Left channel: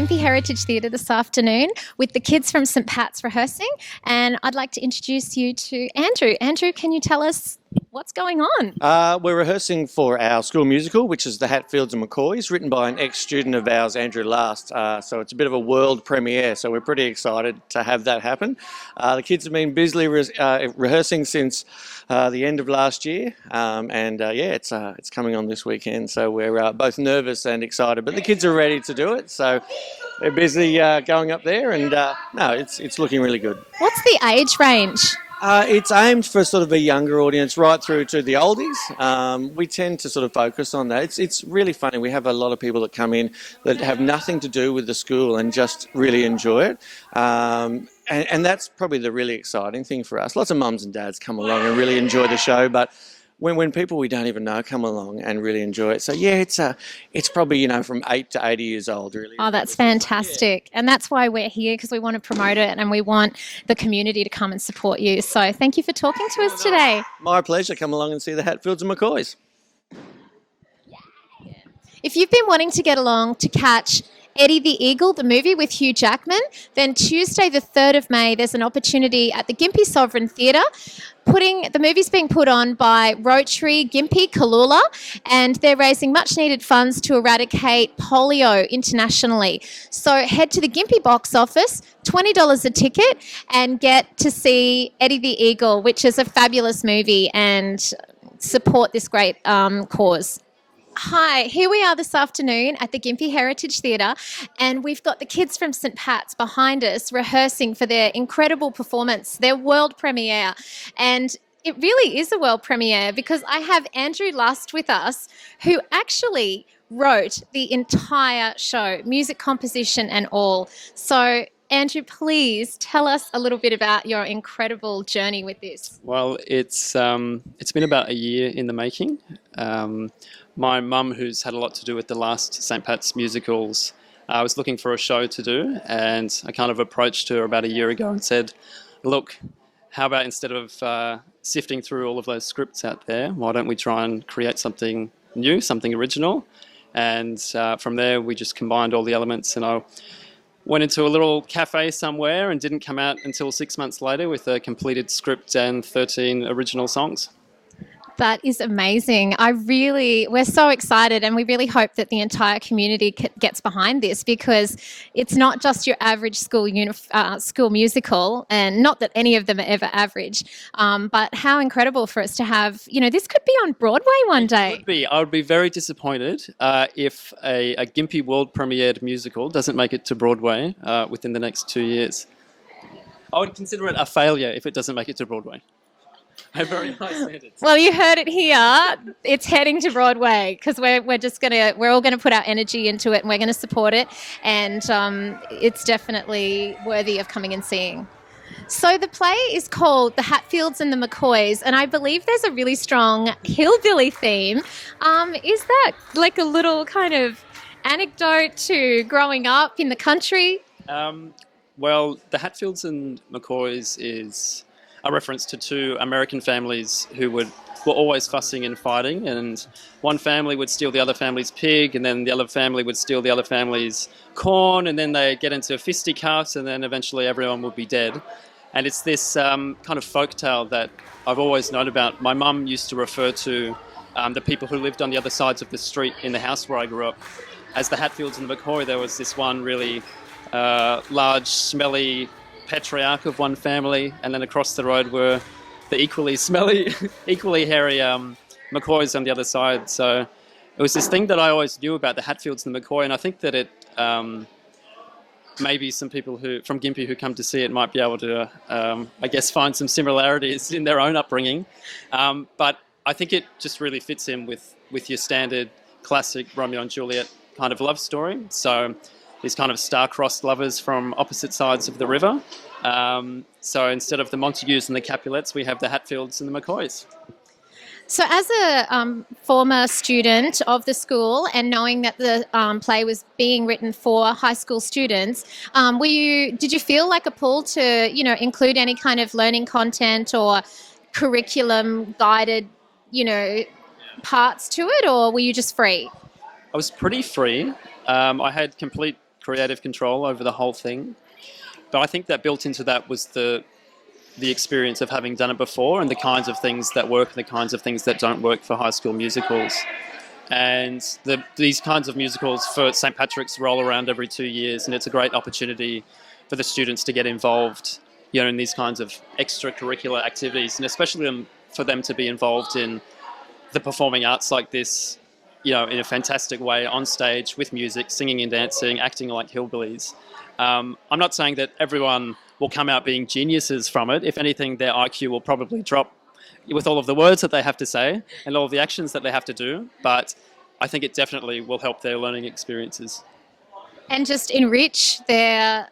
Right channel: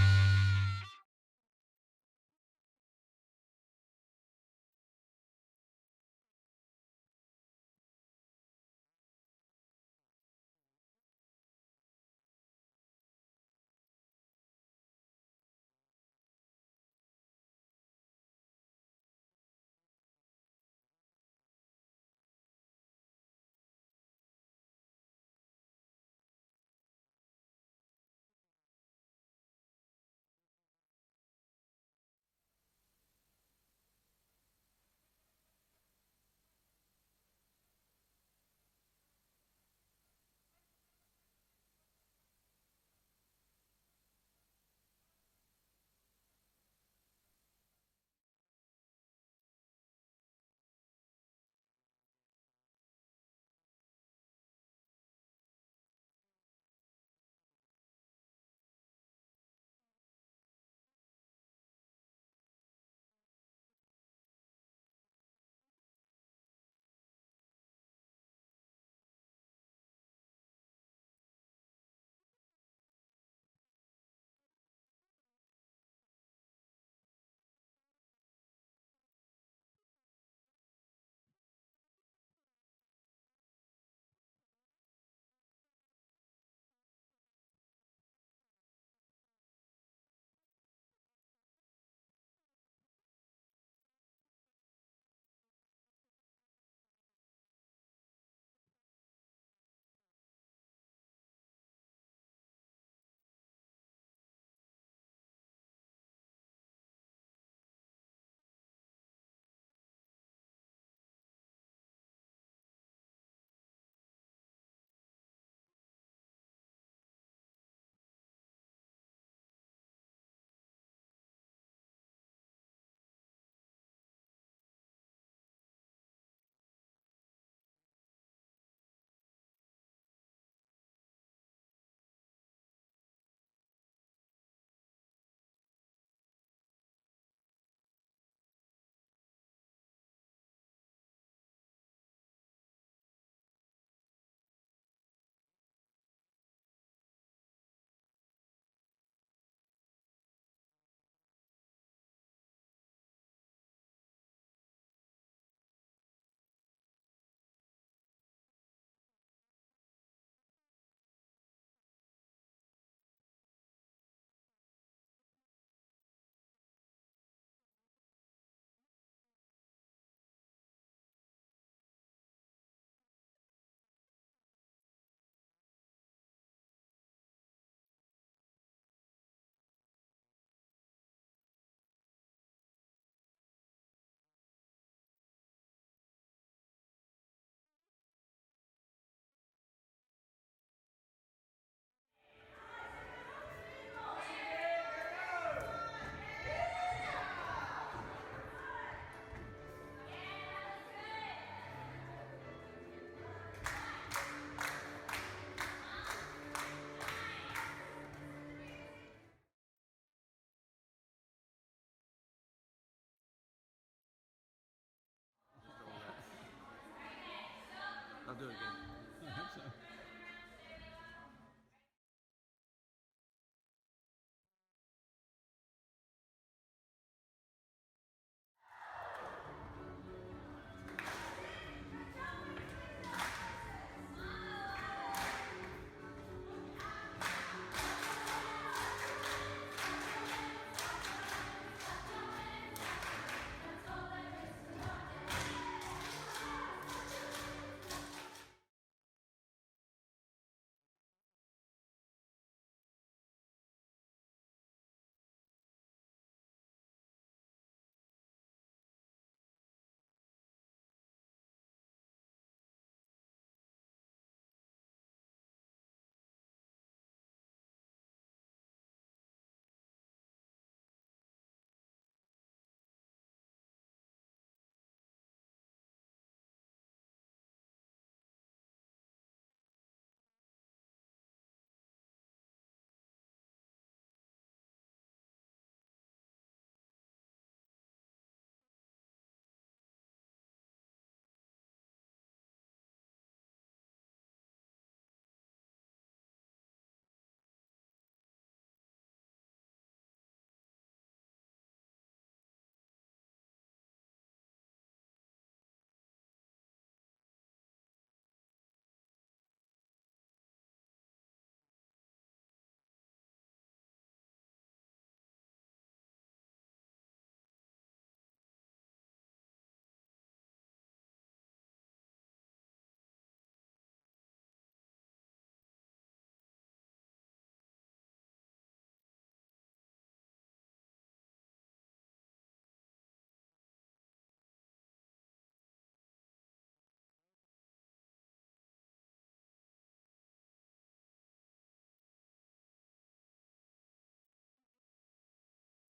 Gympie Heritage Theatre this afternoon with the kids from St Pat's rehearsing, and I'd like to introduce you to Andrew. Andrew, can you tell us what's going on? We're rehearsing for our school musical, which is The Hatfields and McCoys, written by an ex-student of ours, Andrew Last. So it's a bit of a world premiere, so we're pretty excited to have that happen. The kids have been busily rehearsing since the end of last year, it's coming on this weekend, so we're both nervous and excited, but the kids are ready to do it, so they're busy going up there, and it's looking really good. What's the age range? It's aimed for sort of a younger audience right through to the oldies. We tend to sort of focus on that. It's really funny. We have a lot of people that come in that have nothing to do with the school and just really enjoy it. And that's probably the really exciting thing for us. Lots of mums and dads come along and really enjoy the show, but when people we don't even know come along and really enjoy it. So yeah, it's probably, from 8 to 80 years old, really. Oh, that's fantastic. And that's why we're here, because we want to promote it and we want the community to come and support you. So thank you for talking to us today. My pleasure. Come along and see the Hatfields and McCoys. If you've been wanting to get along to catch Eddie the Eagle, the movie with Hugh Jackman, then Tuesday the 3rd of May, there's an opportunity at the Gympie Sovereign Theatre. The movie's being put on by Rotary Gympie Kalula, and they're raising much needed funds to eradicate polio internationally. So head to the Gympie box office, $20 a ticket, and get to see Eddie the Eagle, which is a fabulous movie, and support this great cause. Hi, here we are this afternoon at the Gympie Heritage Theatre, and we've got the kids from St Pat's behind us rehearsing for their incredible performance, their world premiere. And it really is a world premiere because I have Andrew Lust with us, who actually wrote the entire show, music composition and all. So Andrew, please tell us a little bit about your incredible journey with this. Well, it's been about a year in the making. My mum, who's had a lot to do with the last St Pat's musicals, was looking for a show to do, and I kind of approached her about a year ago and said, look, how about instead of sifting through all of those scripts out there, why don't we try and create something new, something original? And from there, we just combined all the elements, and I went into a little cafe somewhere and didn't come out until 6 months later with a completed script and 13 original songs. That is amazing. We're so excited, and we really hope that the entire community gets behind this, because it's not just your average school musical, and not that any of them are ever average, but how incredible for us to have, this could be on Broadway one day. It could be. I would be very disappointed if a Gympie world premiered musical doesn't make it to Broadway within the next 2 years. I would consider it a failure if it doesn't make it to Broadway. I have very high standards. Well, you heard it here. It's heading to Broadway, because we're all gonna put our energy into it, and we're gonna support it, and it's definitely worthy of coming and seeing. So the play is called The Hatfields and the McCoys, and I believe there's a really strong hillbilly theme. Is that like a little kind of anecdote to growing up in the country? Well, The Hatfields and McCoys is a reference to two American families who were always fussing and fighting, and one family would steal the other family's pig, and then the other family would steal the other family's corn, and then they get into fisticuffs, and then eventually everyone would be dead. And it's this kind of folktale that I've always known about. My mum used to refer to the people who lived on the other sides of the street in the house where I grew up as the Hatfields and the McCoy. There was this one really large, smelly patriarch of one family, and then across the road were the equally smelly, equally hairy McCoys on the other side. So it was this thing that I always knew about the Hatfields and the McCoy, and I think that it maybe some people from Gympie who come to see it might be able to, I guess, find some similarities in their own upbringing. But I think it just really fits in with your standard classic Romeo and Juliet kind of love story. So these kind of star-crossed lovers from opposite sides of the river. So instead of the Montagues and the Capulets, we have the Hatfields and the McCoys. So as a former student of the school, and knowing that the play was being written for high school students, did you feel like a pull to, include any kind of learning content or curriculum guided, parts to it, or were you just free? I was pretty free. I had complete creative control over the whole thing. But I think that built into that was the experience of having done it before and the kinds of things that work and the kinds of things that don't work for High School Musicals. And these kinds of musicals for St. Patrick's roll around every 2 years, and it's a great opportunity for the students to get involved, in these kinds of extracurricular activities, and especially for them to be involved in the performing arts like this, in a fantastic way on stage with music, singing and dancing, acting like hillbillies. I'm not saying that everyone will come out being geniuses from it. If anything, their IQ will probably drop with all of the words that they have to say and all of the actions that they have to do. But I think it definitely will help their learning experiences. And just enrich their,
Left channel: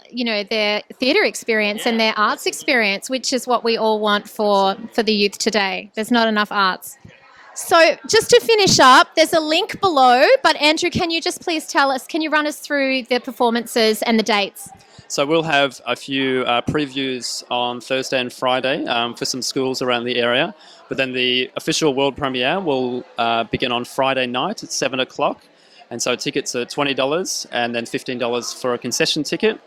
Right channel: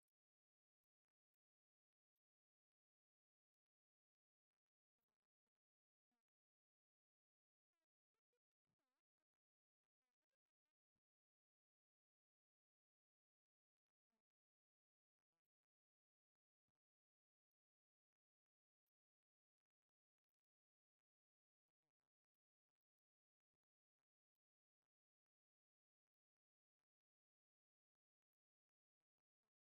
their theatre experience and their arts experience, which is what we all want for the youth today. There's not enough arts. So just to finish up, there's a link below, but Andrew, can you just please can you run us through the performances and the dates? So we'll have a few previews on Thursday and Friday for some schools around the area. But then the official world premiere will begin on Friday night at 7 o'clock. And so tickets are $20 and then $15 for a concession ticket.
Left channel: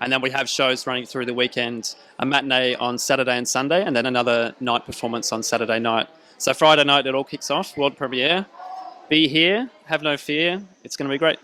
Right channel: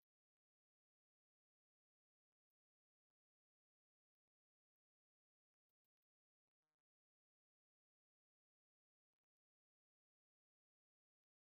And then we have shows running through the weekend, a matinee on Saturday and Sunday, and then another night performance on Saturday night. So Friday night, it all kicks off, world premiere. Be here, have no fear. It's going to be great.